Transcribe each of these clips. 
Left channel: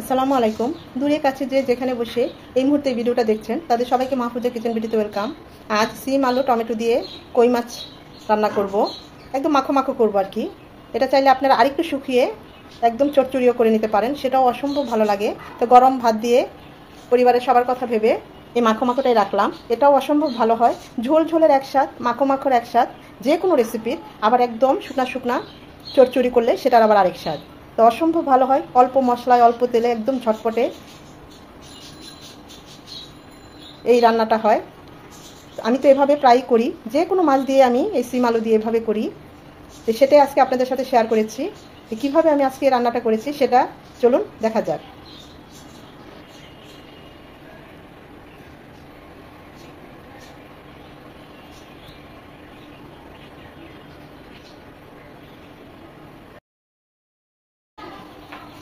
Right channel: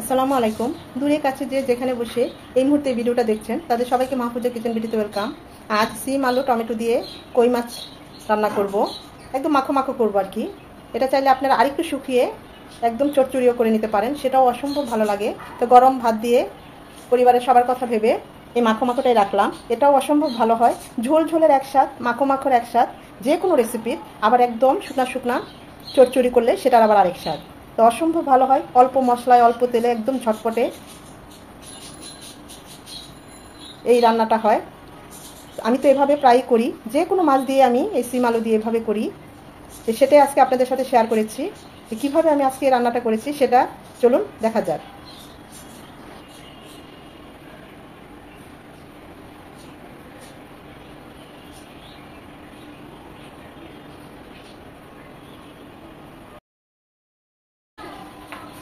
আসসালামু আলাইকুম। দূরে কাছে যে যেখানে বসে এই মুহূর্তে ভিডিওটা দেখছেন তাদের সবাইকে মাহফুজা কিচেন ভিডিওতে ওয়েলকাম। আজ সিম আলু টমেটো দিয়ে কই মাছ রান্না করব। একদম মাখো মাখো করব আর কি। এটা চাইলে আপনারা আরেকটু শুকিয়ে একদম চচ্চড়িও করে নিতে পারেন, সেটাও অসম্ভব ভালো লাগে। তো গরম ভাত দিয়ে পরিবারের সবার কথা ভেবে এই মাখো মাখোটাই রাখলাম। এটাও অসম্ভব ভালো হয়। ঝোল ঝোলের একসাথ, মাখো মাখোর একসাথ, যে কোনো রেসিপির। আবার একদম শুকনা শুকনা চচ্চড়ি করলে সেটার আবার আরেক স্বাদ। তো অসম্ভব ভালো হয়, অল্প মশলায় অল্প তেলে একদম ঝটপটে এই রান্নাটা হয়। আমি তো এভাবে প্রায় করি, যে কোনো মাছ দিয়ে আমি এই সিম আলু দিয়ে এভাবে করি। তো সেটাই আজকে আপনাদের সাথে শেয়ার করেছি। কিভাবে আমি আজকে এই রান্নাটা করেছি সেটা চলুন দেখা যাক।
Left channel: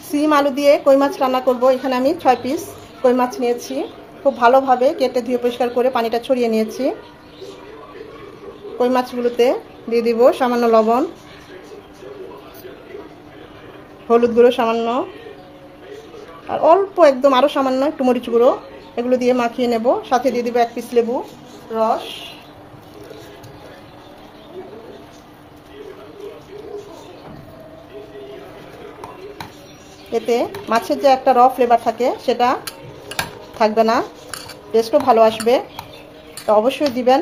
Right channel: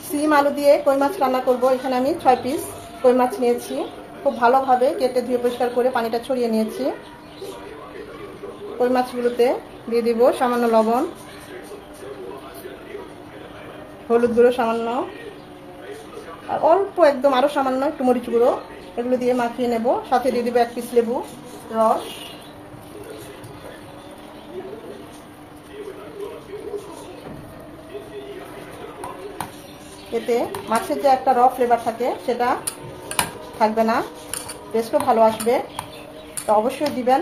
সিম আলু দিয়ে কই মাছ রান্না করব। এখানে আমি 6 পিস কই মাছ নিয়েছি। খুব ভালোভাবে কেটে ধুয়ে পরিষ্কার করে পানিটা ছড়িয়ে নিয়েছি। কই মাছগুলোতে দিয়ে দিব সামান্য লবণ, হলুদ গুঁড়ো সামান্য, আর অল্প একদম আরো সামান্য একটু মরিচ গুঁড়ো। এগুলো দিয়ে মাখিয়ে নেব। সাথে দিয়ে দিব 1 পিস লেবু রস। এতে মাছের যে একটা র ফ্লেভার থাকে সেটা থাকবে না, টেস্টও ভালো আসবে। তো অবশ্যই দিবেন।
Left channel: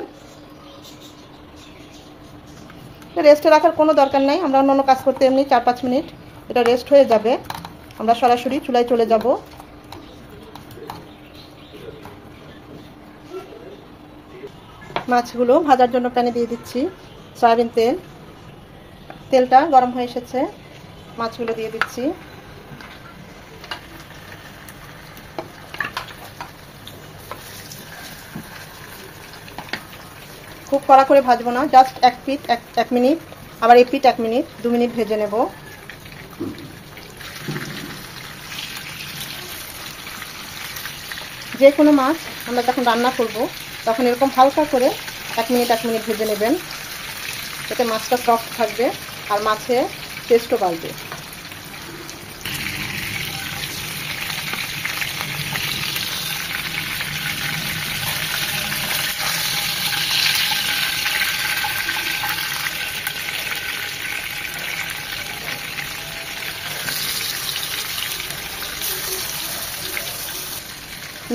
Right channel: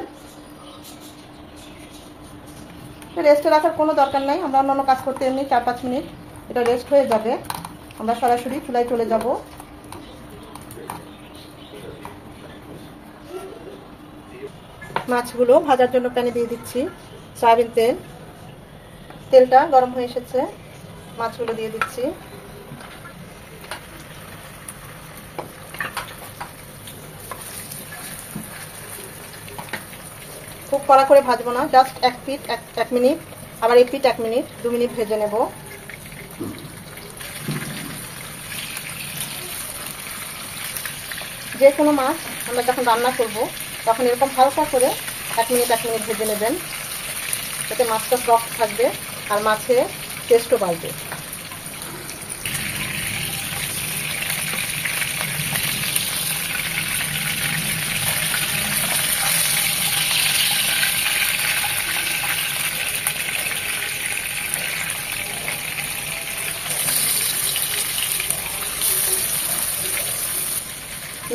রেস্টে রাখার কোনো দরকার নেই, আমরা অন্য কাজ করতে এমনি 4-5 মিনিট এটা রেস্ট হয়ে যাবে। আমরা সরাসরি চুলায় চলে যাব। মাছগুলো ভাজার জন্য প্যানে দিয়ে দিচ্ছি সয়াবিন তেল। তেলটা গরম হয়ে এসেছে, মাছগুলো দিয়ে দিচ্ছি। খুব কড়া করে ভাজবো না, জাস্ট 1 মিনিট, আবার 1 মিনিট 2 মিনিট ভেজে নেব। যে কোনো মাছ আমরা যখন রান্না করব তখন এরকম হালকা করে 1 মিনিট ভেজে নেবেন। এতে মাছটা সফট থাকবে আর মাছের টেস্টও বাড়বে।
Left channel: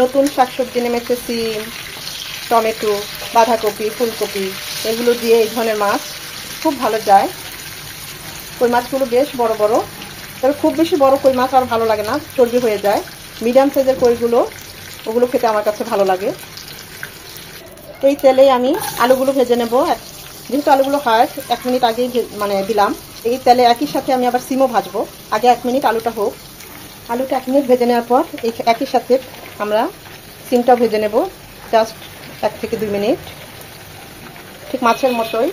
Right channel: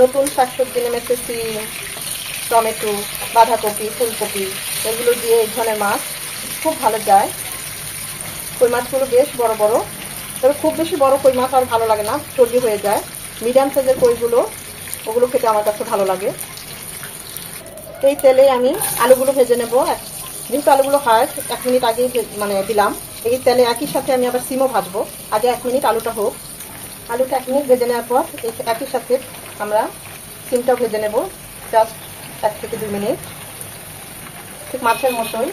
নতুন শাকসবজি নেমেছে, সিম, টমেটো, বাঁধাকপি, ফুলকপি, এগুলো দিয়ে এই ধরনের মাছ খুব ভালো যায়। কই মাছগুলো বেশ বড় বড়, তবে খুব বেশি বড় কই মাছ আর ভালো লাগে না, চর্বি হয়ে যায়। মিডিয়াম সাইজের কইগুলো, ওগুলো খেতে আমার কাছে ভালো লাগে। এই তেলে আমি আলুগুলো ভেজে নেব। যেহেতু আলুগুলো হার্ড, 1 মিনিট আগেই দিলাম। এই তেলে একই সাথে আমি আবার সিমও ভাজবো। আগে 1 মিনিট আলুটা হোক। আলুটা 1 মিনিট ভেজে নেওয়ার পর একই সাথে আমরা সিমটা ভেজে নেব, জাস্ট 1 থেকে 2 মিনিট, ঠিক মাছের মতোই।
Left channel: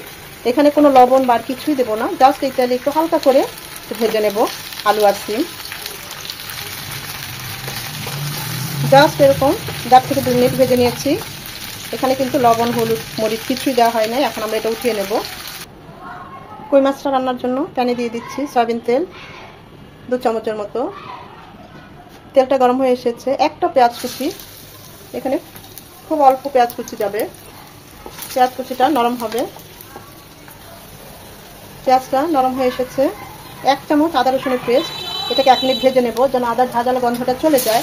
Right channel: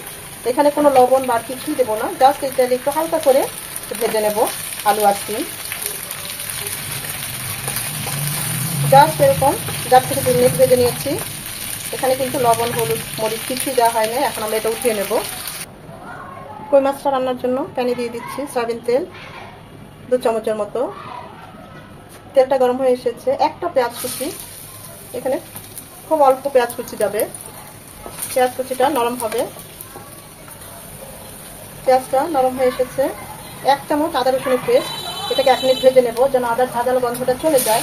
এখানে কোনো লবণ বা কিছুই দেবো না, জাস্ট এই তেলে একটু হালকা করে ভেজে নেব আলু আর সিম। জাস্ট এরকম 1 থেকে 2 মিনিট ভেজে নিয়েছি। এখানে কিন্তু লবণ, হলুদ, মরিচ কিছুই দেওয়া হয় না। এখন আমরা এটা উঠিয়ে নেব। কই মাছটা রান্নার জন্য প্যানে দিয়ে দিচ্ছি সয়াবিন তেল 2 চামচের মতো। তেলটা গরম হয়ে এসেছে। একটা পেঁয়াজ কুচি, এখানে খুব অল্প পেঁয়াজ কুচি যাবে, পেঁয়াজ কুচিটা নরম হবে। পেঁয়াজটা নরম হয়ে এসেছে। 1 চামচ আদা রসুনের পেস্ট, এটাকে 1 মিনিট ভেজে নেব যেন আদার ঝাঁঝালো গন্ধটা চলে যায়।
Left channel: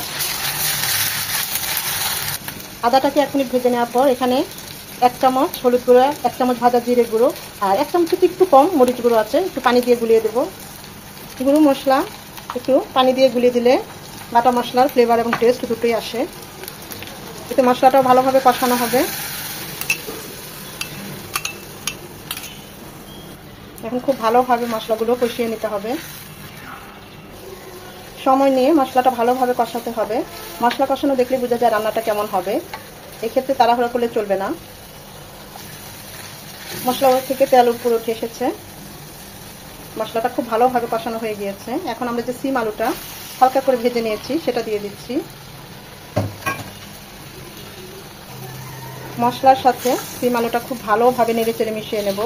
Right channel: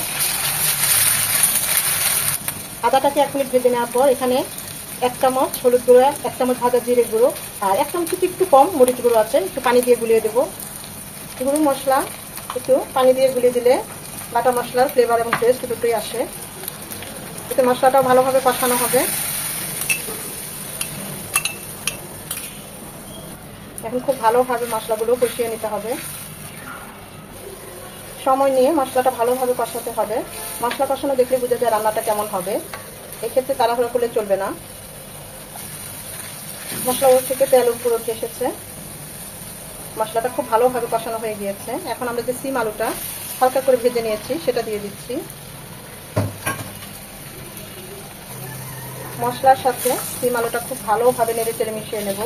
আদাটাকে 1 মিনিট ভেজে নেওয়ার পর এখানে 1 চামচ হলুদ গুঁড়ো, 1 চামচ ভাজা জিরে গুঁড়ো, আর 1 চামচ একটু কম মরিচ গুঁড়ো আছে, একটু পানি দিয়ে গুলিয়ে দেবো। গুঁড়ো মশলা একটু পানি দিয়ে গুলিয়ে দিলে বাটা মশলার ফ্লেভার এবং টেস্ট দুটোই আসে। এতে মশলাটা ভালোভাবে কষানো হবে। এখন খুব ভালোভাবে মশলাগুলো কষিয়ে নিতে হবে। সময় নিয়ে মশলাটা ভালোভাবে কষাতে হবে। মশলা কষানো দেখলে বোঝা যায় রান্নাটা কেমন হবে। এক্ষেত্রে তাড়াহুড়ো করলে চলবে না। মশলা থেকে তেল উপরে উঠে এসেছে, মশলাটা খুব ভালোভাবে কষানো হয়ে গিয়েছে। এখন আমরা যে সিম আলুটা হালকা করে ভেজে নিয়েছি সেটা দিয়ে দিচ্ছি। মশলার সাথে সিম আলুটা খুব ভালোভাবে নেড়ে চেড়ে মিশিয়ে নেব।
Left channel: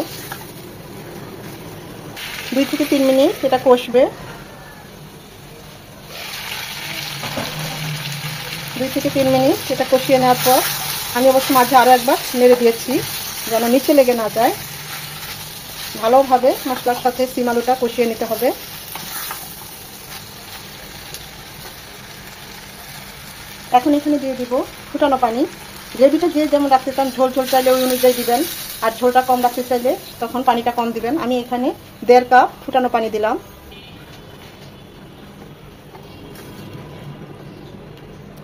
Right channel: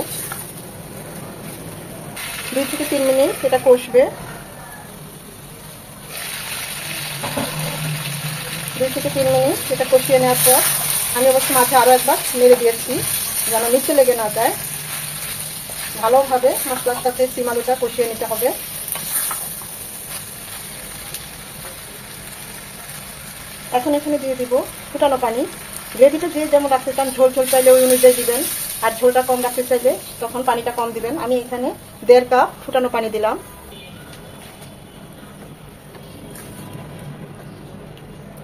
2 থেকে 3 মিনিট এটা কষবে। 2 থেকে 3 মিনিট এটা কষিয়ে নেওয়ার পর আমি অবশ্য মাঝে আরও একবার নেড়ে দিয়েছি যেন নিচে লেগে না যায়। ভালোভাবে মশলার সাথে সিম আলুটা কষিয়ে নিতে হবে। এখন এখানে দিয়ে দিব ফুটানো পানি। গ্রেভিটা দিয়ে যেমন রাখতে চান, ঝোল ঝোল চাইলে ওই অনুযায়ী দিবেন, আর ঝোলটা কম রাখতে চাইলে তখন পানিটা কম দিবেন। আমি এখানে 1.5 কাপ ফুটানো পানি দিলাম।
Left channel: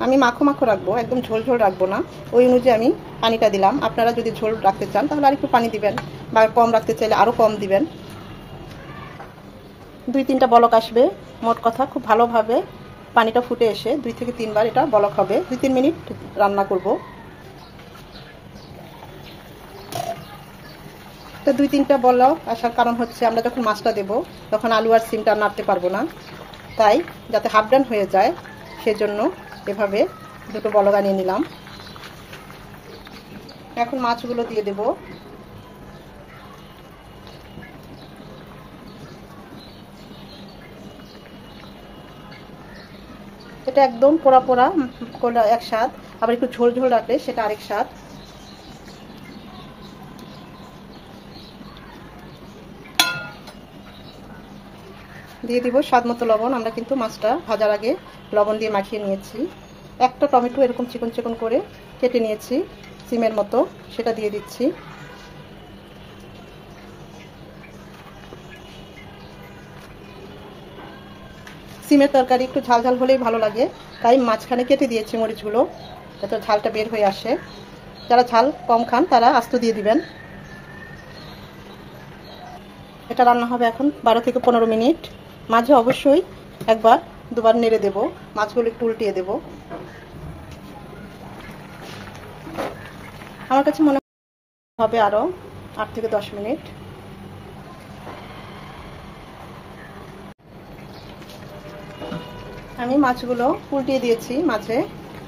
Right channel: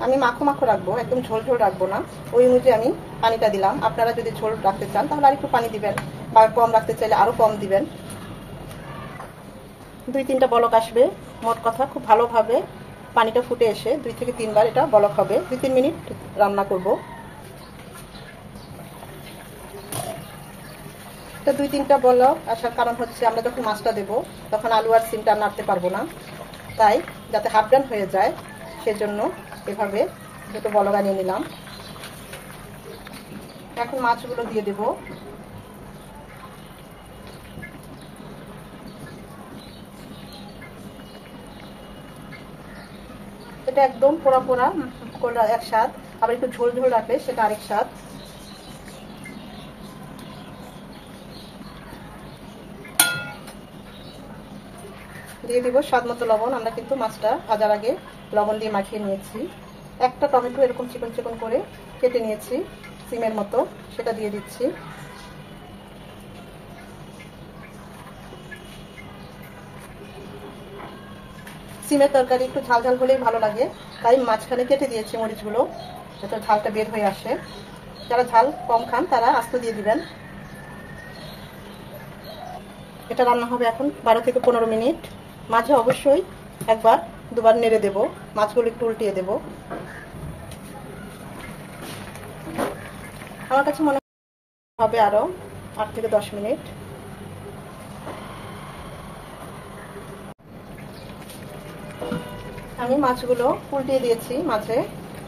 আমি মাখো মাখো রাখবো, একদম ঝোল ঝোল রাখবো না, ওই অনুযায়ী আমি পানিটা দিলাম। আপনারা যদি ঝোল রাখতে চান তাহলে আর একটু পানি দিবেন, বা কম রাখতে চাইলে আরও কম দিবেন। 2-3টা বলক আসবে। মোট কথা খুব ভালোভাবে পানিটা ফুটে এসে 2 থেকে 3 বার এটা বলক হবে। 2-3 মিনিট রান্না করব। তো 2-3টা বলক আসার কারণ হচ্ছে আমরা যখন মাছটা দেব তখন আলু আর সিমটা নাড়তে পারবো না, তাই যাতে হাফ ডান হয়ে যায় সেজন্য এভাবে 2টো বলক আনিয়ে নিলাম। এখন মাছগুলো দিয়ে দেব। এটা একদম পোড়া পোড়া কোলা এক স্বাদ, আবার একটু ঝোল ঝোল রাখলে সেটা আরেক স্বাদ। দিয়ে দিব স্বাদ মতো লবণ। আমরা কিন্তু মাছটা ভাজার আগে লবণ দিয়ে মাখিয়ে নিয়েছি। একটা টমেটো এরকম চিকন চিকন করে কেটে নিয়েছি সিমের মতো, সেটা দিয়ে দিচ্ছি। সিমের তরকারি একটু ঝাল ঝাল হলেই ভালো লাগে, তাই মাঝখানে কেটে দিয়েছি মরিচগুলো যাতে ঝালটা বের হয়ে আসে। যারা ঝাল কম খান তারা আস্ত দিয়ে দিবেন। এটা রান্না হবে এখন 12 থেকে 15 মিনিট। মাঝে অবশ্যই 1-2 নেড়ে দেব, মাছগুলো একটু উল্টিয়ে দেব। আমার কাছে মনে হবে আরো 8 থেকে 10 মিনিট। আমি মাছগুলো উল্টিয়ে দিয়েছি, মাঝে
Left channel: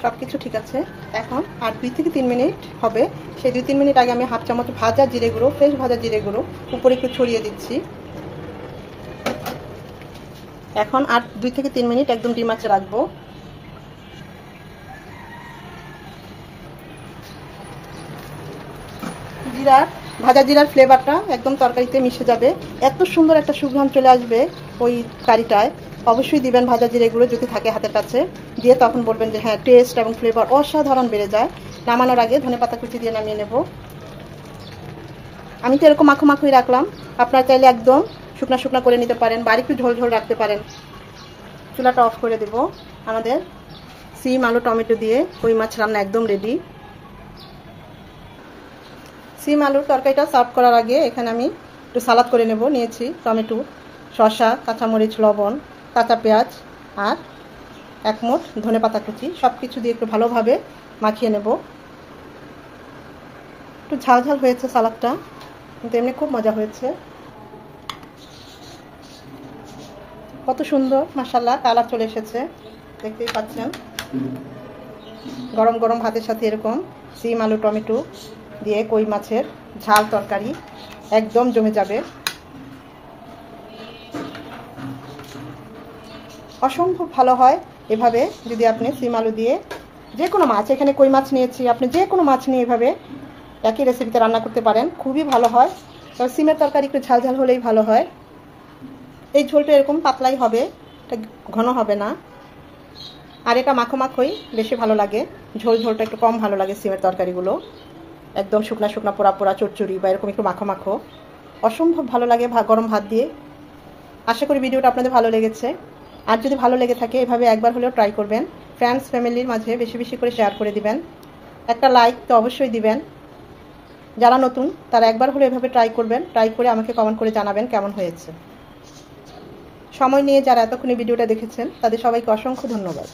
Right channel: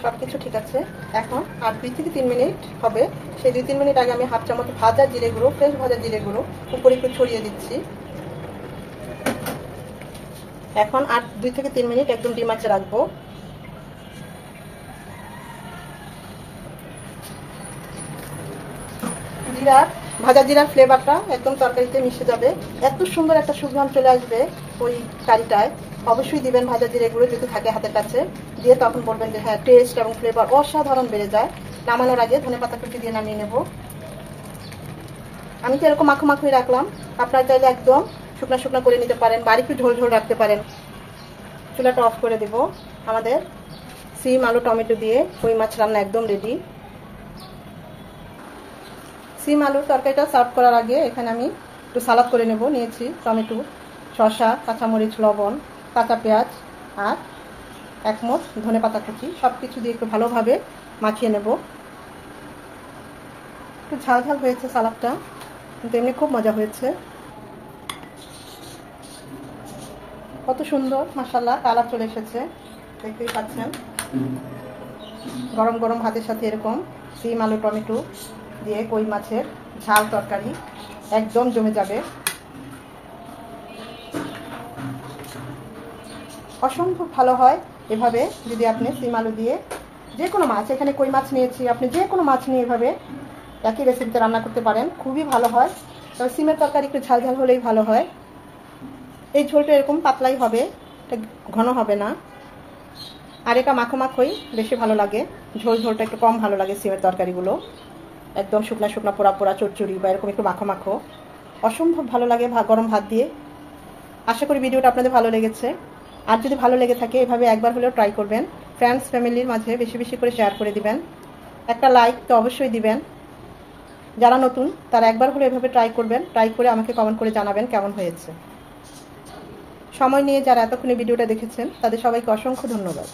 সবকিছু ঠিক আছে। এখন আর 2 থেকে 3 মিনিট হবে। সেই 2-3 মিনিট আগে আমি হাফ চামচ ভাজা জিরে গুঁড়ো, ফ্রেশ ভাজা জিরে গুঁড়ো উপরে একটু ছড়িয়ে দিচ্ছি। এখন আর 2 থেকে 3 মিনিট একদম ডিম আঁচে রাখবো। ভাজা জিরার ফ্লেভারটা একদম তরকারিতে মিশে যাবে, এত সুন্দর একটা সুঘ্রাণ চলে আসবে ওই কারিটায়। অবশ্যই দিবেন ভাজা জিরেগুলো যদি থাকে হাতের কাছে, দিয়ে তখন বলবেন যে হ্যাঁ টেস্ট এবং ফ্লেভার অসাধারণ বেড়ে যায়। নামানোর আগে ধনেপাতা কুচি দিয়ে নামিয়ে নেব। আমি তো এরকম মাখো মাখোই রাখলাম, আপনারা চাইলে একদম শুকনা শুকনা করে নিতে পারেন বা একটু ঝোল ঝোল রাখতে পারেন। চুলাটা অফ করে দেব। আমাদের সিম আলু টমেটো দিয়ে কই মাছ রান্না একদম রেডি। সিম আলুর তরকারিটা সার্ভ করার আগে এখানে আমি একটু সালাদ করে নেব। নিয়েছি টমেটো, শসা, কাঁচামরিচ, লবণ, কাঁচা পেঁয়াজ আর 1 মুঠ ধনেপাতা কুচি, সব কিছু দিয়ে একটু ভালোভাবে মাখিয়ে নেব। একটু ঝাল ঝাল হয়েছে সালাদটা, কিন্তু এমনি খুব মজা হয়েছে। কত সুন্দর মাশাআল্লাহ কালার চলে এসেছে, দেখতেই পাচ্ছেন। গরম গরম ভাতের সাথে এরকম সিম আলু টমেটো দিয়ে কই মাছের ঝাল তরকারি একদম জমে যাবে। অসম্ভব ভালো হয় এভাবে যদি আপনি সিম আলু দিয়ে যে কোনো মাছ, এখানে কই মাছ নিয়েছি, আপনি যে কোনো মাছ নিয়ে এভাবে একই রেসিপিতে রান্না করতে পারেন, খুবই ভালো হয়। তবে সিমের তরকারি একটু ঝাল ঝাল হলেই ভালো হয়। এই ঝোলটা এরকম পাতলাই হবে, এটা ঘন হবে না। আর এটা মাখো মাখোই বেশি ভালো লাগে, ঝোল ঝোলটা একটু কম ভালো লাগে। সিমের তরকারিগুলো একদম শুকনা শুকনা পোড়া পোড়া চচ্চড়ি বা এরকম একটু মাখো মাখো অসম্ভব ভালো লাগে গরম ভাত দিয়ে। আশা করি ভিডিওটা আপনাদের ভালো লেগেছে। আর যদি ভালো লেগে থাকে এভাবে একবার হলেও ট্রাই করবেন। ফ্রেন্ডস ফ্যামিলির মাঝে বেশি বেশি করে শেয়ার করে দিবেন। একটা লাইক তো অবশ্যই দিবেন। যারা নতুন তারা একবার হলে এভাবে ট্রাই করবেন, ট্রাই করে আমাকে কমেন্ট করে জানাবেন কেমন হয়েছে। সময় নিয়ে যারা এতক্ষণে ভিডিওটা দেখেছেন তাদের সবাইকে অসংখ্য ধন্যবাদ।